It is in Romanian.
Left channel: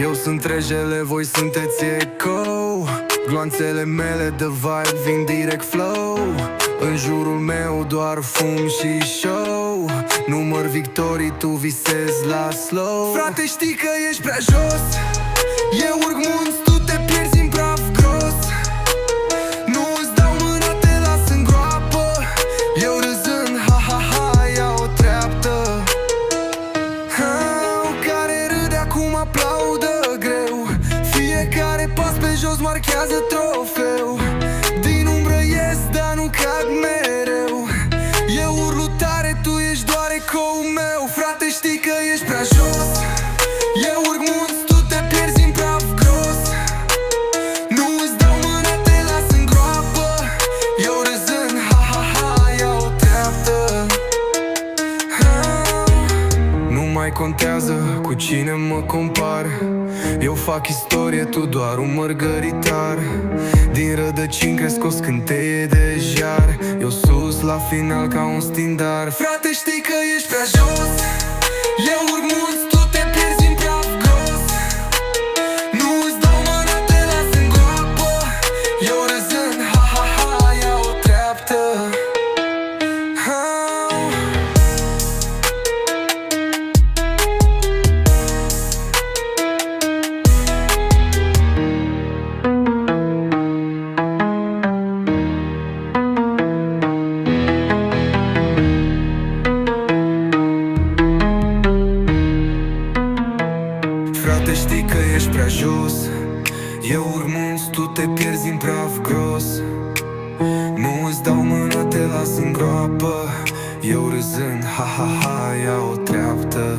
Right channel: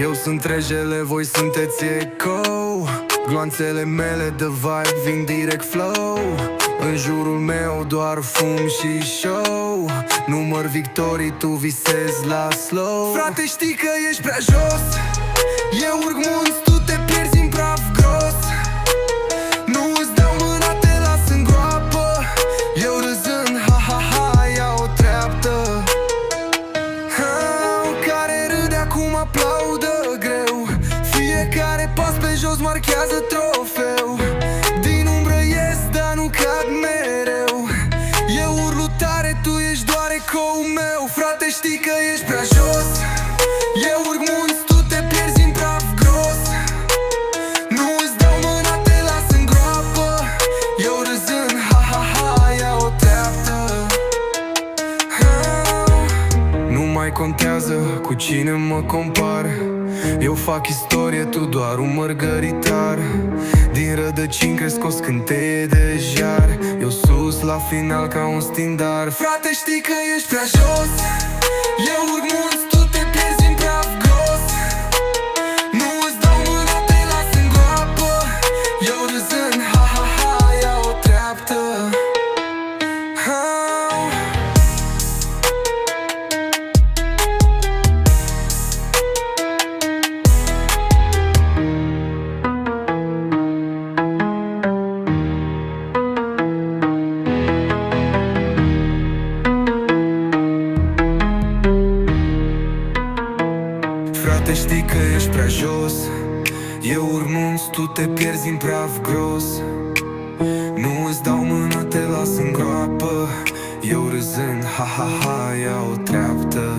Eu sunt regele, voi sunteți eco. Gloanțele mele de vibe vin direct flow. În jurul meu doar fum și show. Număr victorii, tu visezi la slow. Frate, știi că ești prea jos. Eu urc munți, tu te pierzi în praf gros. Nu îți dau mâna, te las în groapă. Eu râzând, ha ha ha, ia o treaptă. Care râde acum aplaudă greu. Fiecare pas pe jos marchează trofeu. Din umbră ies, dar nu cad mereu. Eu urlu tare, tu ești doar ecou meu. Frate, știi că ești prea jos. Eu urc munți, tu te pierzi în praf gros. Nu îți dau mâna, te las în groapă. Eu râzând, ha ha ha, ia o treaptă. Nu mai contează cu cine mă compar. Eu fac istorie, tu doar un mărgăritar. Din rădăcini cresc o scânteie de jar. Eu sus la final ca un stindar. Frate, știi că ești prea jos. Eu urc munți, tu te pierzi în praf gros. Nu îți dau mâna, te las în groapă. Eu râzând, ha ha ha, ia o treaptă. Frate, știi că ești prea jos. Eu urc munți, tu te pierzi în praf gros. Nu îți dau mâna, te las în groapă. Eu râzând, ha ha ha, ia o treaptă.